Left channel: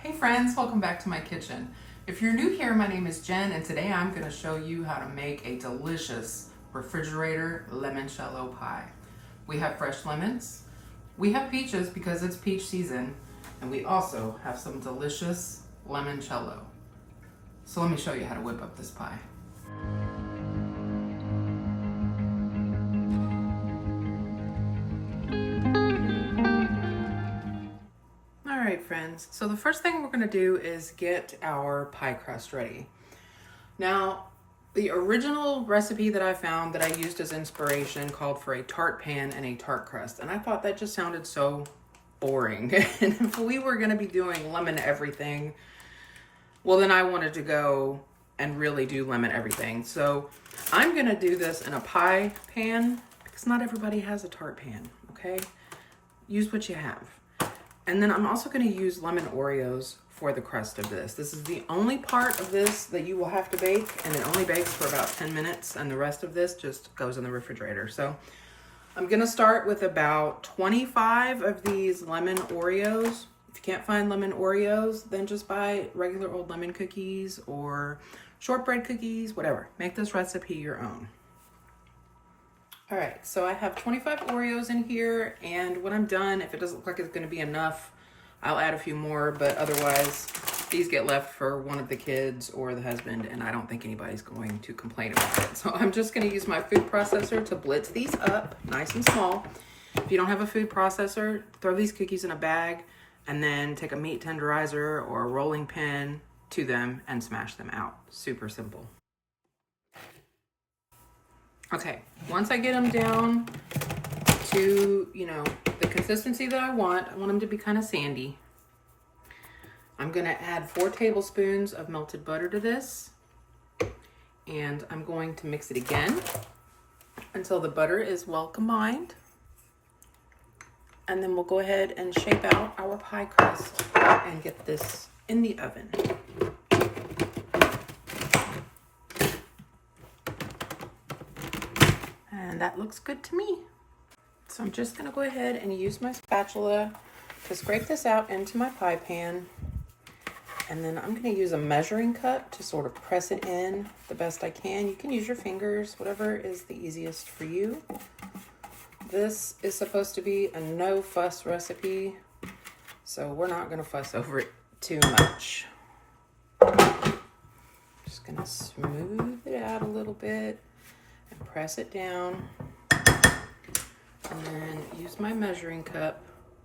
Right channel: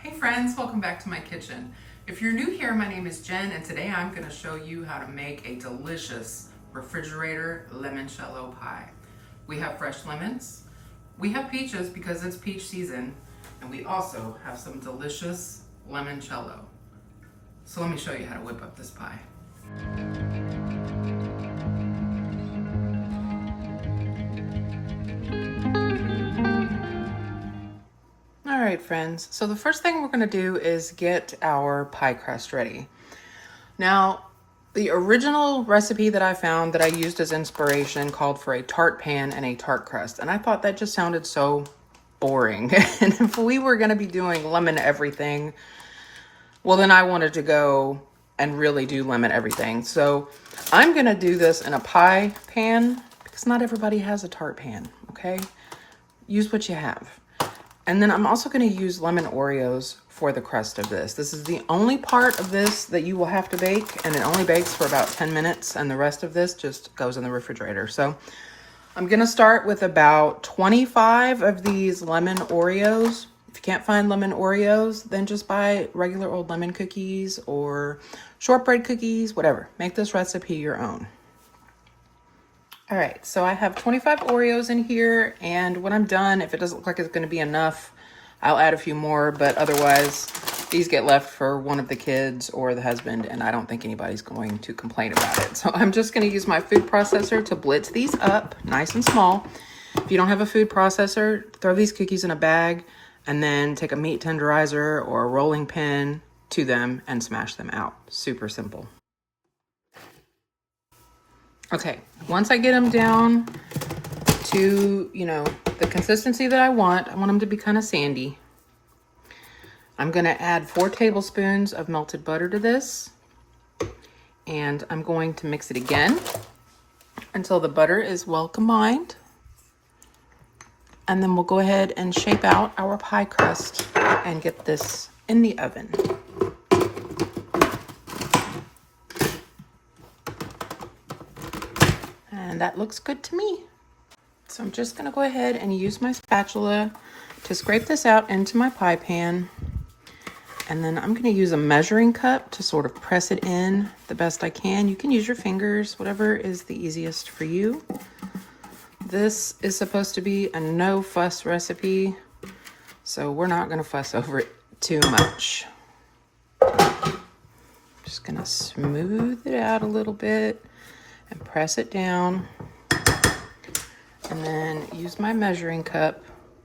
Hey friends, welcome back to my kitchen. If you're new here, my name is Jen and today I'm going to show you how to make a delicious refrigerator limoncello pie. We have fresh lemons, we have peaches because it's peach season, and we also have some delicious limoncello. So let me show you how to whip up this pie. All right, friends, so the first thing we're going to do is get our pie crust ready. Now, the original recipe that I found that I used as inspiration called for a tart pan and a tart crust, and I thought that just sounded so boring. And if we were going to be doing lemon everything, well, then I wanted to go and really do lemon everything. So I'm going to do this in a pie pan because not everybody has a tart pan, okay? Use what you have. And then I'm also going to use lemon Oreos for the crust of this. This is the only part of this that you will have to bake, and it only bakes for about 10 minutes, and the rest of this just goes in the refrigerator. So I'm going to start with about 25 of these lemon Oreos. If you can't find lemon Oreos, then just buy regular old lemon cookies or shortbread cookies, whatever. Make this recipe your own. All right, so I have 25 Oreos in here, and when I'm done, if it doesn't look like it's gonna be enough, I'll add a few more, but otherwise, these get left for one of the kids or the husband, and I don't think anybody's going to complain about it. So I'm just gonna use my food processor to blitz these up, nice and small. If you don't have a food processor, throw these cookies in a bag, and then take a meat tenderizer or a rolling pin to them and smash them out. Super simple. Okay, once I get them down to, the consistency that I want them to be kind of sandy. I'm gonna add 4 tablespoons of melted butter to this, and I'm going to mix it again until the butter is well combined. And then we'll go ahead and shape out our pie crust and get this in the oven. And that looks good to me. So I'm just gonna go ahead and use my spatula to scrape this out into my pie pan. And then I'm gonna use a measuring cup to sort of press it in the best I can. You can use your fingers, whatever is the easiest for you. This is supposed to be a no fuss recipe, so we're not gonna fuss over it too much. Just gonna smooth it out a little bit and press it down, and then use my measuring cup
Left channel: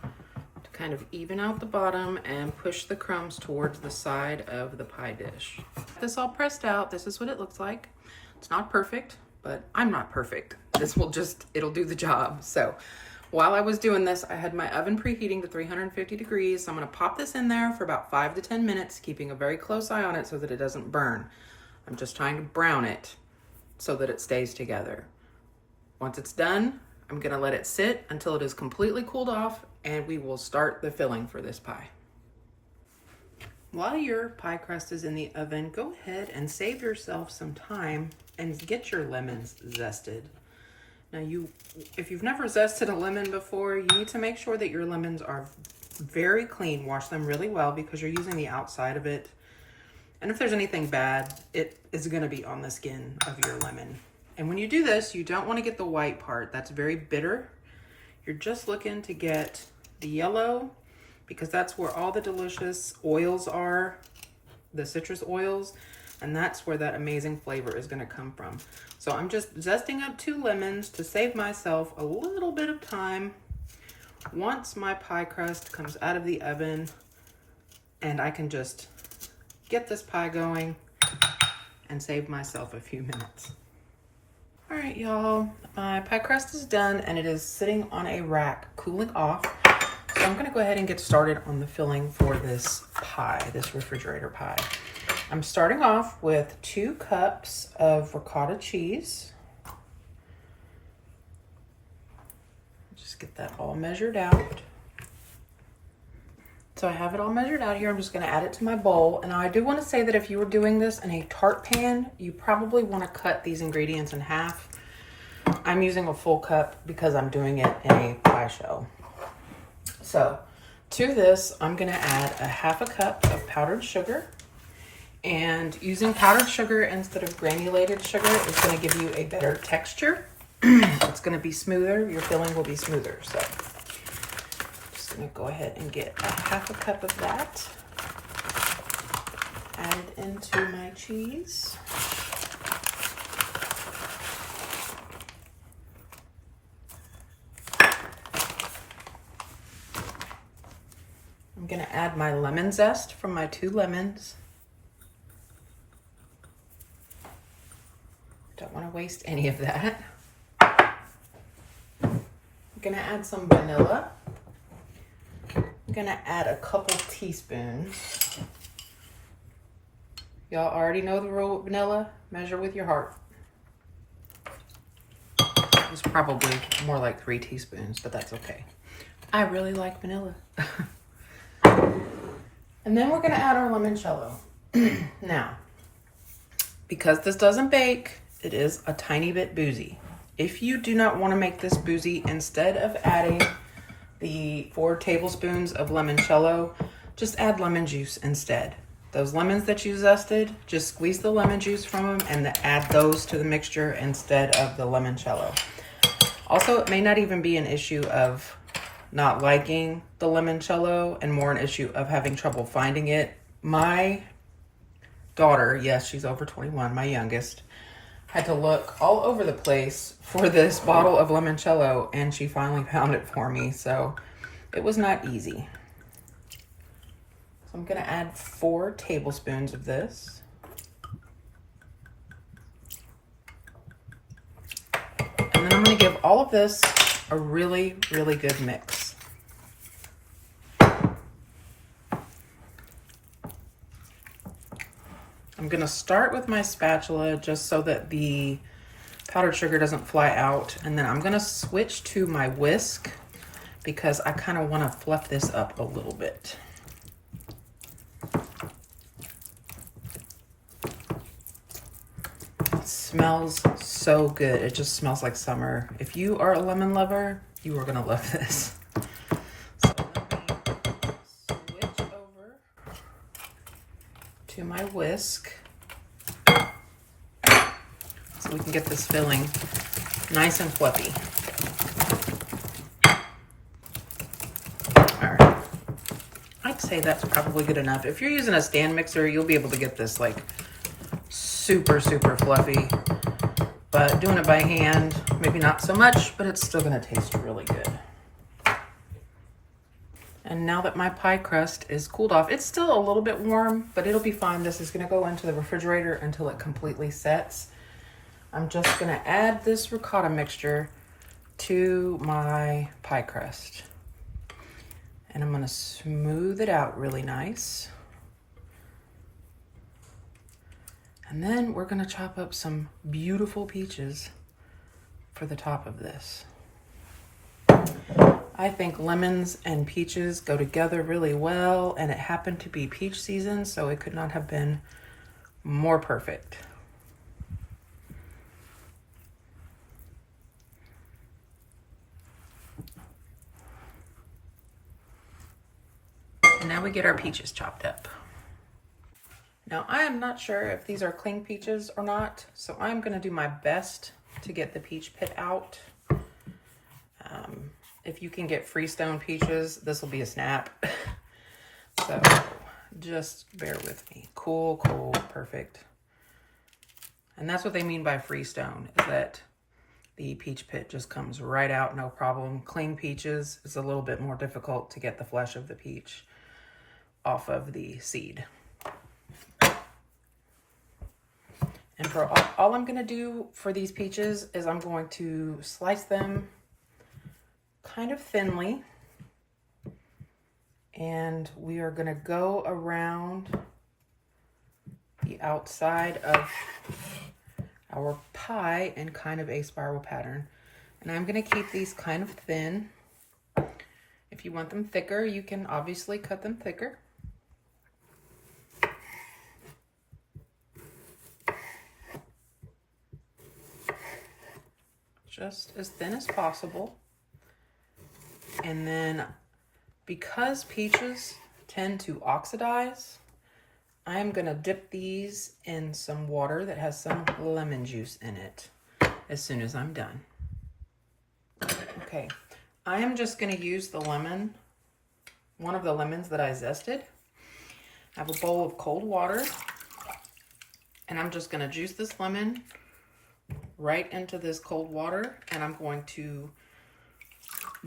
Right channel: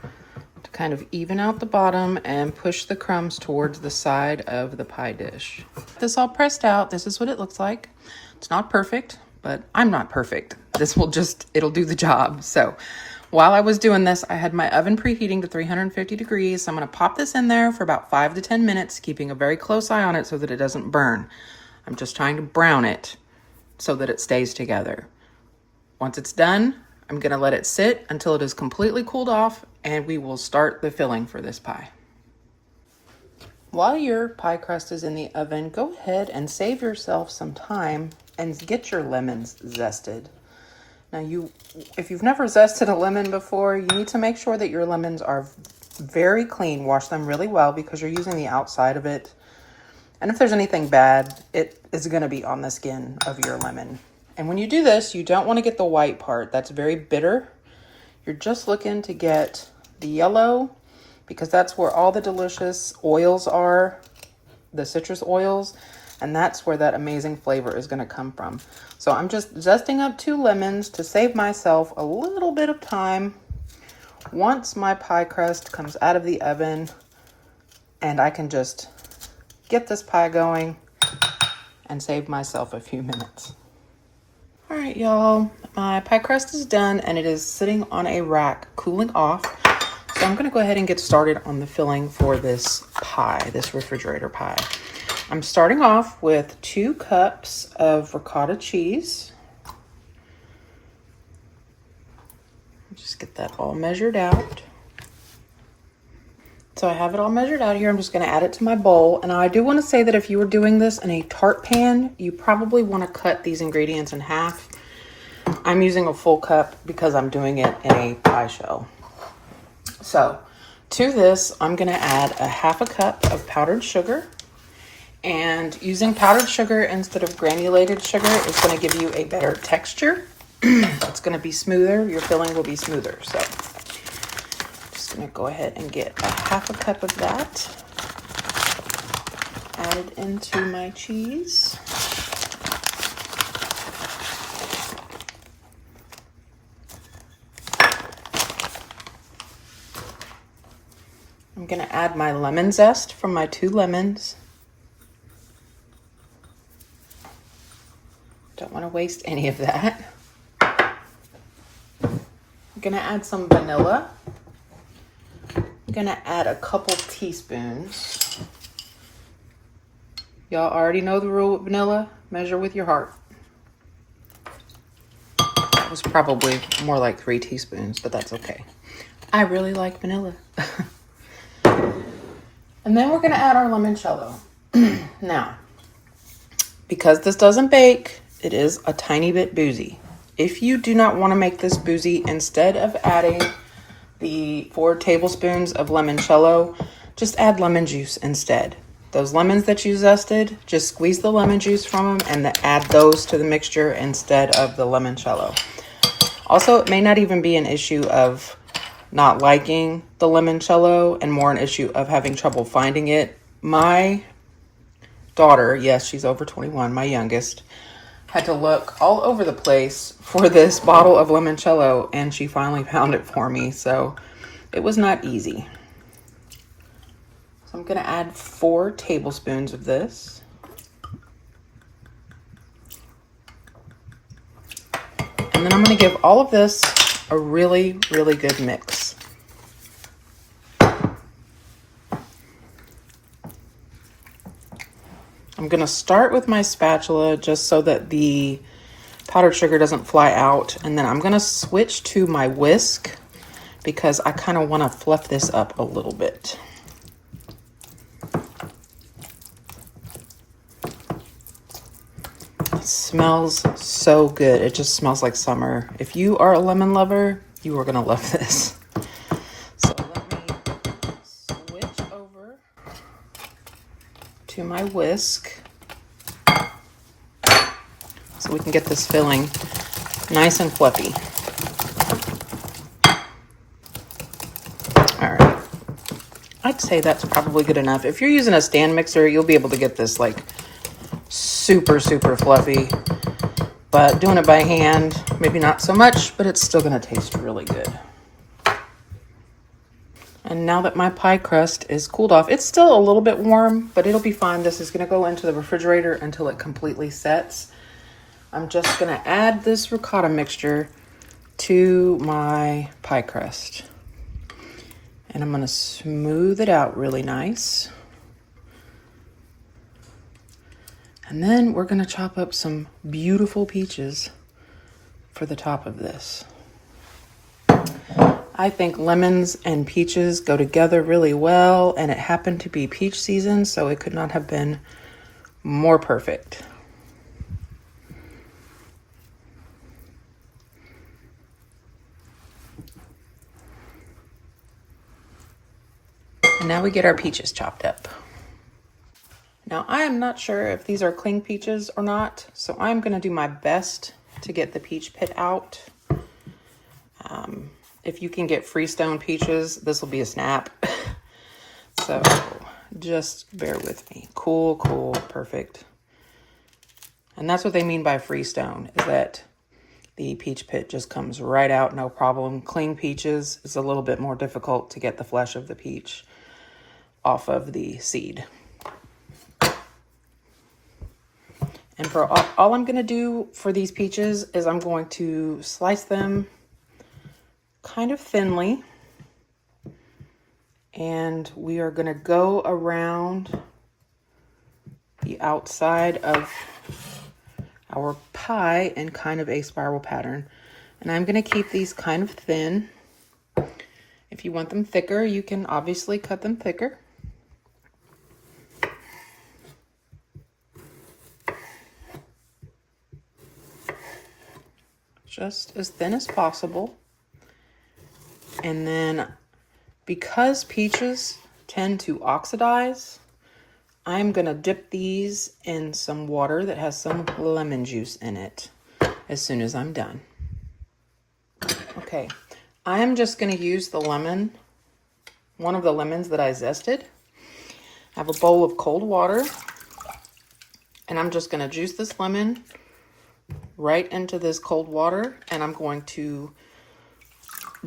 to kind of even out the bottom and push the crumbs towards the side of the pie dish. This all pressed out, this is what it looks like. It's not perfect, but I'm not perfect. It'll do the job. So while I was doing this, I had my oven preheating to 350 degrees. So I'm gonna pop this in there for about 5 to 10 minutes, keeping a very close eye on it so that it doesn't burn. I'm just trying to brown it so that it stays together. Once it's done, I'm gonna let it sit until it is completely cooled off, and we will start the filling for this pie. While your pie crust is in the oven, go ahead and save yourself some time and get your lemons zested. Now if you've never zested a lemon before, you need to make sure that your lemons are very clean. Wash them really well because you're using the outside of it. And if there's anything bad, it is gonna be on the skin of your lemon. And when you do this, you don't wanna get the white part. That's very bitter. You're just looking to get the yellow because that's where all the delicious oils are, the citrus oils, and that's where that amazing flavor is gonna come from. So I'm just zesting up 2 lemons to save myself a little bit of time once my pie crust comes out of the oven, and I can just get this pie going and save myself a few minutes. All right, y'all, my pie crust is done and it is sitting on a rack cooling off. So I'm gonna go ahead and get started on the filling for this pie, this refrigerator pie. I'm starting off with 2 cups of ricotta cheese. Just get that all measured out. So I have it all measured out here. I'm just gonna add it to my bowl. And I do wanna say that if you were doing this in a tart pan, you probably wanna cut these ingredients in half. I'm using a full cup because I'm doing it in a pie shell. So To this, I'm gonna add a 1/2 cup of powdered sugar. And using powdered sugar instead of granulated sugar is gonna give you a better texture. It's gonna be smoother, your filling will be smoother. So just gonna go ahead and get a 1/2 cup of that added into my cheese. I'm gonna add my lemon zest from my 2 lemons. Don't want to waste any of that. I'm gonna add some vanilla. I'm gonna add a couple teaspoons. Y'all already know the rule with vanilla. Measure with your heart. It was probably more like 3 teaspoons, but that's okay. I really like vanilla. And then we're gonna add our limoncello. Now, because this doesn't bake, it is a tiny bit boozy. If you do not want to make this boozy, instead of adding the 4 tablespoons of limoncello, just add lemon juice instead. Those lemons that you zested, just squeeze the lemon juice from them and add those to the mixture instead of the limoncello. Also, it may not even be an issue of not liking the limoncello and more an issue of having trouble finding it. My daughter, yes, she's over 21, my youngest, had to look all over the place for this bottle of limoncello, and she finally found it for me, so it was not easy. So I'm gonna add 4 tablespoons of this. And then I'm gonna give all of this a really, really good mix. I'm gonna start with my spatula just so that the powdered sugar doesn't fly out. And then I'm gonna switch to my whisk because I kind of wanna fluff this up a little bit. It smells so good. It just smells like summer. If you are a lemon lover, you are gonna love this. So let me switch over to my whisk so we can get this filling nice and fluffy. All right, I'd say that's probably good enough. If you're using a stand mixer, you'll be able to get this like super, super fluffy, but doing it by hand, maybe not so much, but it's still gonna taste really good. And now that my pie crust is cooled off, it's still a little bit warm, but it'll be fine. This is gonna go into the refrigerator until it completely sets. I'm just gonna add this ricotta mixture to my pie crust. And I'm gonna smooth it out really nice. And then we're gonna chop up some beautiful peaches for the top of this. I think lemons and peaches go together really well, and it happened to be peach season, so it could not have been more perfect. And now we get our peaches chopped up. Now, I am not sure if these are cling peaches or not, so I'm gonna do my best to get the peach pit out. If you can get Freestone peaches, this will be a snap. So just bear with me. Cool, cool, perfect. And that's what they mean by Freestone, is that the peach pit just comes right out, no problem. Cling peaches is a little bit more difficult to get the flesh of the peach off of the seed. And for all I'm gonna do for these peaches is I'm going to slice them kind of thinly. And we are gonna go around the outside of our pie in kind of a spiral pattern. And I'm gonna keep these kind of thin. If you want them thicker, you can obviously cut them thicker. Just as thin as possible. And then Because peaches tend to oxidize, I'm gonna dip these in some water that has some lemon juice in it as soon as I'm done. Okay, I'm just gonna use the lemon, one of the lemons that I zested. I have a bowl of cold water, and I'm just gonna juice this lemon right into this cold water, and I'm going to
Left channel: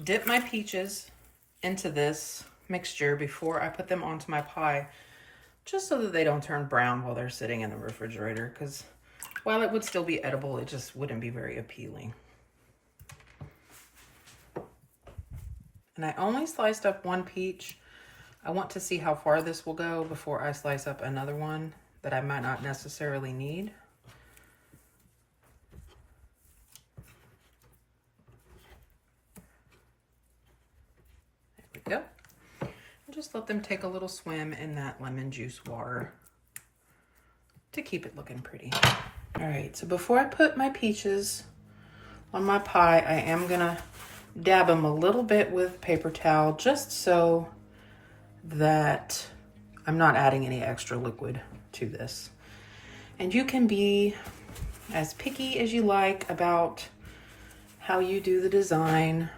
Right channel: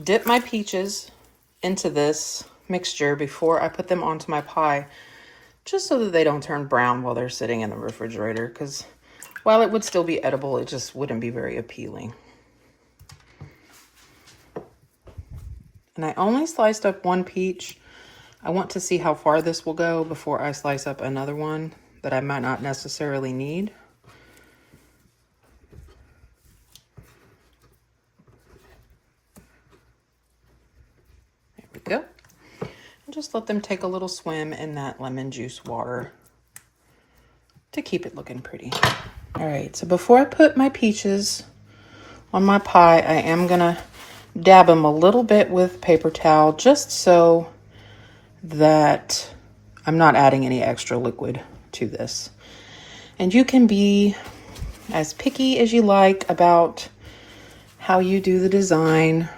dip my peaches into this mixture before I put them onto my pie, just so that they don't turn brown while they're sitting in the refrigerator, because while it would still be edible, it just wouldn't be very appealing. And I only sliced up one peach. I want to see how far this will go before I slice up another one that I might not necessarily need. There we go. And just let them take a little swim in that lemon juice water to keep it looking pretty. All right, so before I put my peaches on my pie, I am gonna dab them a little bit with paper towel, just so that I'm not adding any extra liquid to this. And you can be as picky as you like about how you do the design,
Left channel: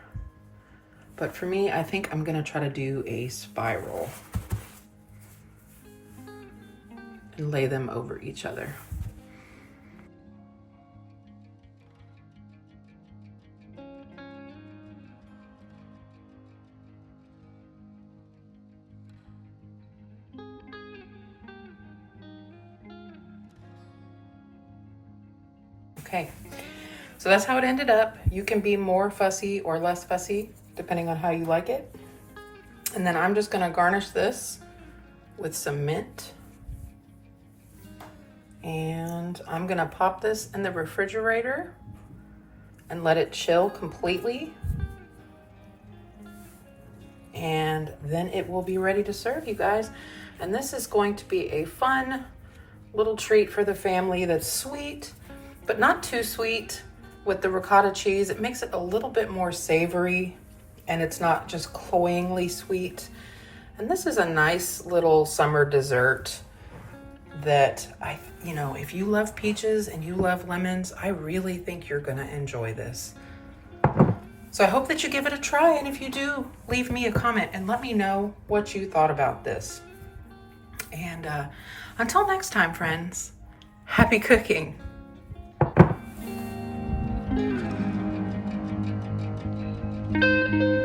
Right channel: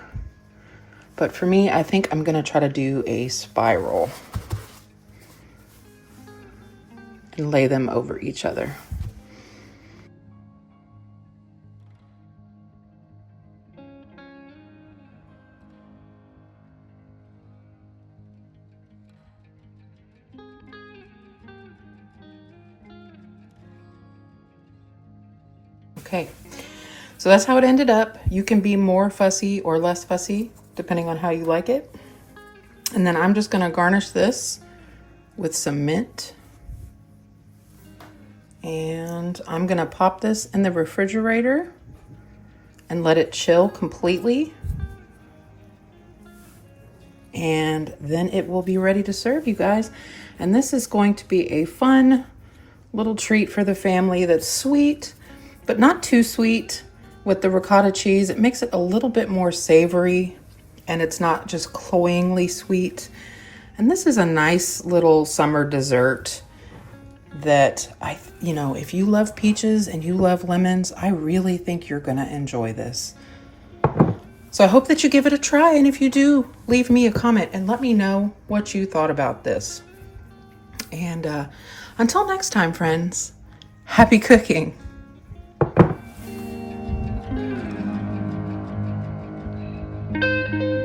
but for me, I think I'm gonna try to do a spiral and lay them over each other. Okay, so that's how it ended up. You can be more fussy or less fussy, depending on how you like it. And then I'm just gonna garnish this with some mint. And I'm gonna pop this in the refrigerator and let it chill completely. And then it will be ready to serve, you guys. And this is going to be a fun little treat for the family that's sweet, but not too sweet. With the ricotta cheese, it makes it a little bit more savory, and it's not just cloyingly sweet. And this is a nice little summer dessert that if you love peaches and you love lemons, I really think you're gonna enjoy this. So I hope that you give it a try, and if you do, leave me a comment and let me know what you thought about this. And until next time, friends, happy cooking. Thank you.